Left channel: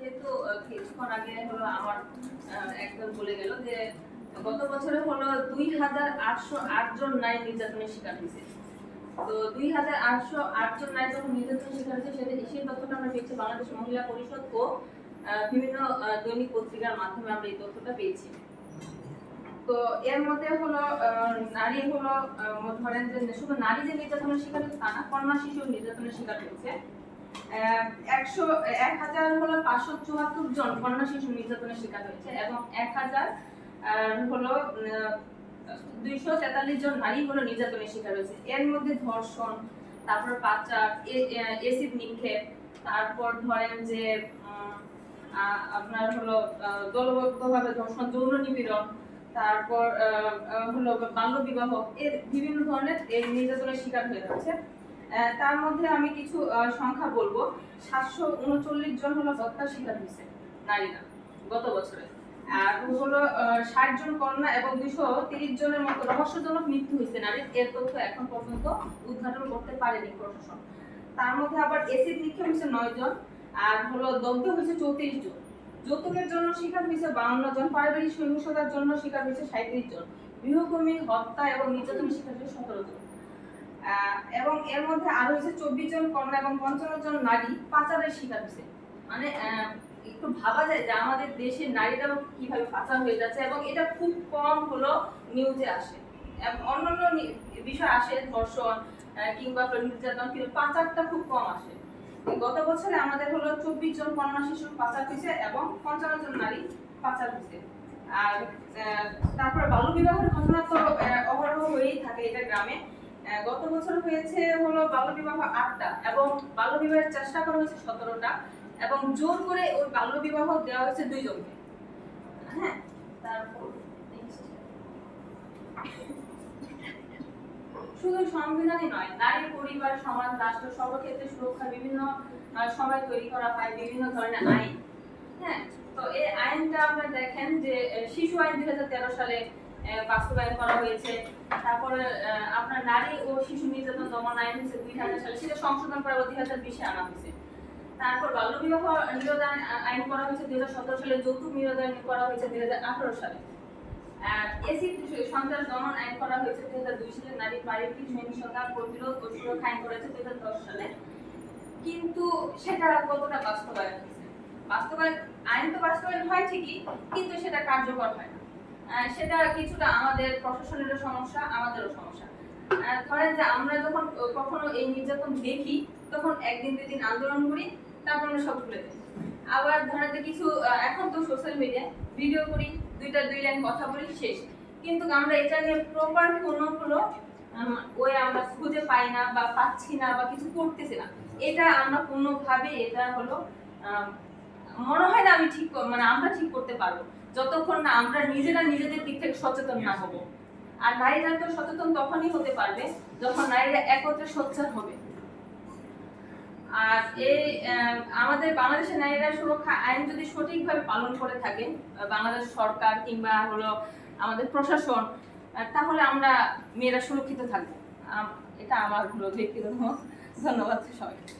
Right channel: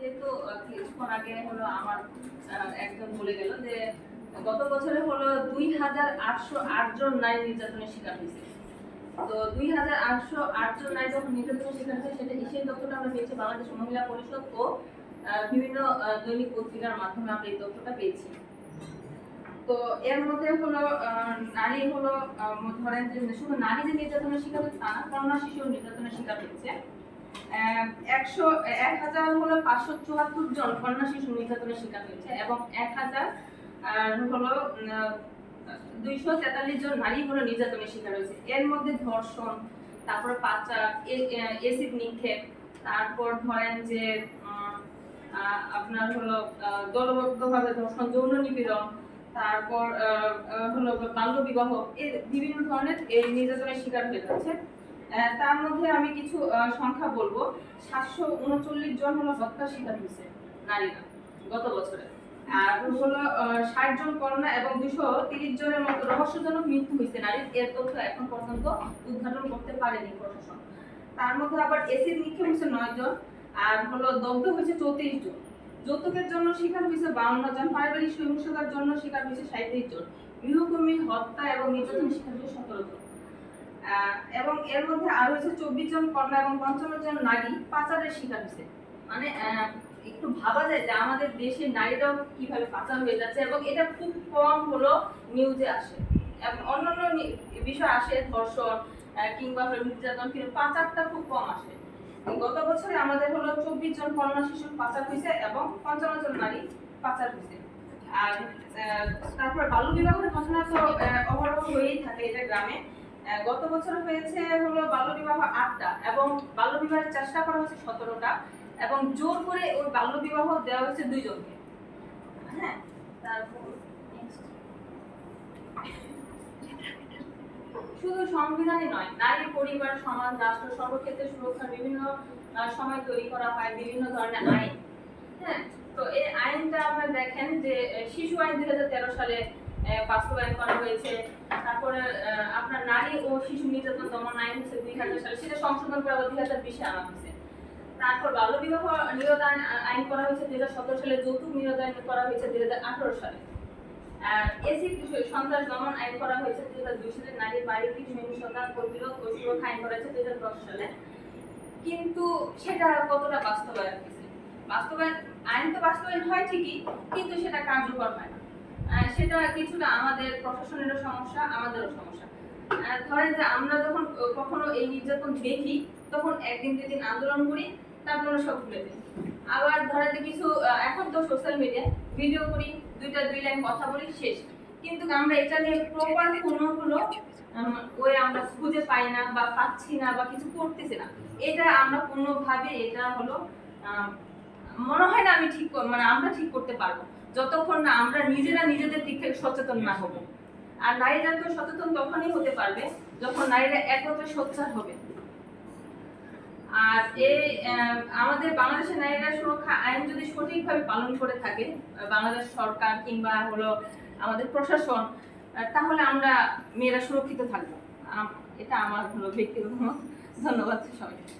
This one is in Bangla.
যেহেতু কিছুক্ষণ আগে হলো আমার একজন বলে গেল যে গত বছরে হলো 2808 জন নারী নির্যাতনের শিকার হয়েছে। তো 2808 জন নারী যখন নির্যাতনের শিকার হয়েছে সেই তথ্যটা আমরা পেয়েছি বাংলাদেশ মহিলা পরিষদ ও বিভিন্ন দৈনিক পত্রিকার মাধ্যমে আমরা এই তথ্যটা পেয়েছি। তো এর মধ্যে হলো নারী হলো ধরেন যে শুধু নারী যে নির্যাতনের শিকার হচ্ছে তা না, কন্যা শিশু নির্যাতনের শিকার হচ্ছে 1574 জন কন্যা শিশু নির্যাতনের শিকার হয়েছে এবং 243 জন নারী হলো নির্যাতনের শিকার হয়েছে। এর মধ্যে ধর্ষণ, তারপর পাচার, এসিড নিক্ষেপ, তারপর ধরেন যে আপনার হলো দলবদ্ধভাবে ধর্ষণ, যৌন নিপীড়ন, তারপর হলো বাল্য বিবাহ, এর বিভিন্ন ধরনের এই নির্যাতনের শিকার হয়ে যাচ্ছে। তার মধ্যে আমি কিছু সংখ্যা বলবো। 739 জন হলো হত্যার শিকার হয়েছে নারীরা গত বছরে, আর হলো 60 জন কন্যা এবং 230 জনের মতো রহস্যজনক মৃত্যু হয়েছে নারীর। এর তথ্য এখন পর্যন্ত উদ্ঘাটন করতে পারেনি প্রশাসন। তার মধ্যে আবার এসিড নিক্ষেপ হয়েছে 9 জন, আর হলো দগ্ধ হয়েছে 34 জন। যৌতুকের জন্য শিকার হয়েছে 52 জন, পারিবারিক সহিংসতার জন্য শিকার হয়েছে 37 জন, গৃহকর্মী হত্যা এবং নির্যাতনের শিকার হয়েছে 17 জন। এবং এর মধ্যে আরো হয়েছে 24 জন কন্যা এবং 55 জন নারী পাচারের শিকার হয়েছে। মানে একটু ভাবা যায় যে আমাদের দেশের নারীরাও কিভাবে পাচার হয়ে যাচ্ছে, এবং এটা খুব কম হলো নিউজে আসে। অন্যান্য বিষয় আসে, ধর্ষণ কিংবা নির্যাতন, কিন্তু পাচারটা খুব কম আসে। গত বছরে আমাদের হলো 24 জন কন্যা শিশু পাচার হয়েছে এবং 55 জন নারী পাচার হয়েছে। আর তারপর বাল্য বিবাহের ঘটনা তো অহরহ হয়েই থাকে এটা গ্রামে। গত বছর হয়েছে হলো বাল্য বিবাহ 8টা এবং বাল্য বিবাহের চেষ্টা করা হয়েছে 17টা এবং জোর করে ওই বাল্য বিবাহ দেওয়া হয়েছে 2 জনকে। হ্যাঁ, তারপর শুধু সংবিধানই নয়, নারী, পরিবার, সমাজ, রাষ্ট্র সর্বক্ষেত্রে সুরক্ষার বিভিন্ন সময় তৈরি করা হয় বিভিন্ন ধরনের আইন। হ্যাঁ, তো এই আইনটা আপনারা দেখেন যে শিশু আইন 2013 সালে বাস্তবায়ন করা হয়েছে। তারপরে আপনার নারী ও শিশু নির্যাতন দমন আইন হচ্ছে 2000 সালে, সেটা সংশোধন করা 2020-এ আনা হয়েছে। তারপর বাল্য বিবাহ নিরোধ আইন করা হয়েছে 2017 সালে, যৌতুক নিরোধ আইন করা হয়েছে 2018 সালে। এসিড সন্ত্রাস দমন আইন করা হয়েছে 2002 সালে, নারী পারিবারিক সহিংসতা প্রতিরোধ ও সুরক্ষা আইন করা হয়েছে 2010 সালে। কিন্তু সেটা কতটা বাস্তবায়ন হয়েছে? আইন তো বাস্তবায়ন হয় ঠিকই, কিন্তু সেটা কার্যকর হয় না। সেটা কিছুটা আমাদের প্রশাসনেরও সমস্যা, আমাদেরও সমস্যা। ধরেন যে আমরা যখন কখনো এই নির্যাতন দেখি তখন একদিন 2 দিন আন্দোলন করি, তারপর সব ভুলে যাই। আবার ধরেন যে কিছু এখন তো সোশ্যাল মিডিয়ায় ভিডিও করি, 2 লাইন কথা বলি, শেষ। কিন্তু আমরা এটা নিয়ে প্রপার কোনো ওই আমরা খুঁজে পাই না বা পাচ্ছি না বা কিছু করতেছি না। এটা আমরা কোনোভাবে এটা হলো মনে হয় না আমি ঠিক আমরা ঠিক করতে পারবো যতক্ষণ না আমরা নিজেরা নিজেদের দিক থেকে সচেতন না হব। আর নারীরা তো সচেতন তখনই হতে পারবে যখন নারীরা একত্রে সোচ্চার হবে। আর এই আমাদের বাংলাদেশের নারীরা সুরক্ষা আইন যদি সঠিকভাবে পালন করে থাকে বাংলাদেশ সরকার কিংবা হলো আমাদের প্রশাসন, তাহলে আমরা মেয়েরা সুরক্ষিত থাকবো। এটা আমার হলো ব্যক্তিগত মত। ধন্যবাদ সবাইকে।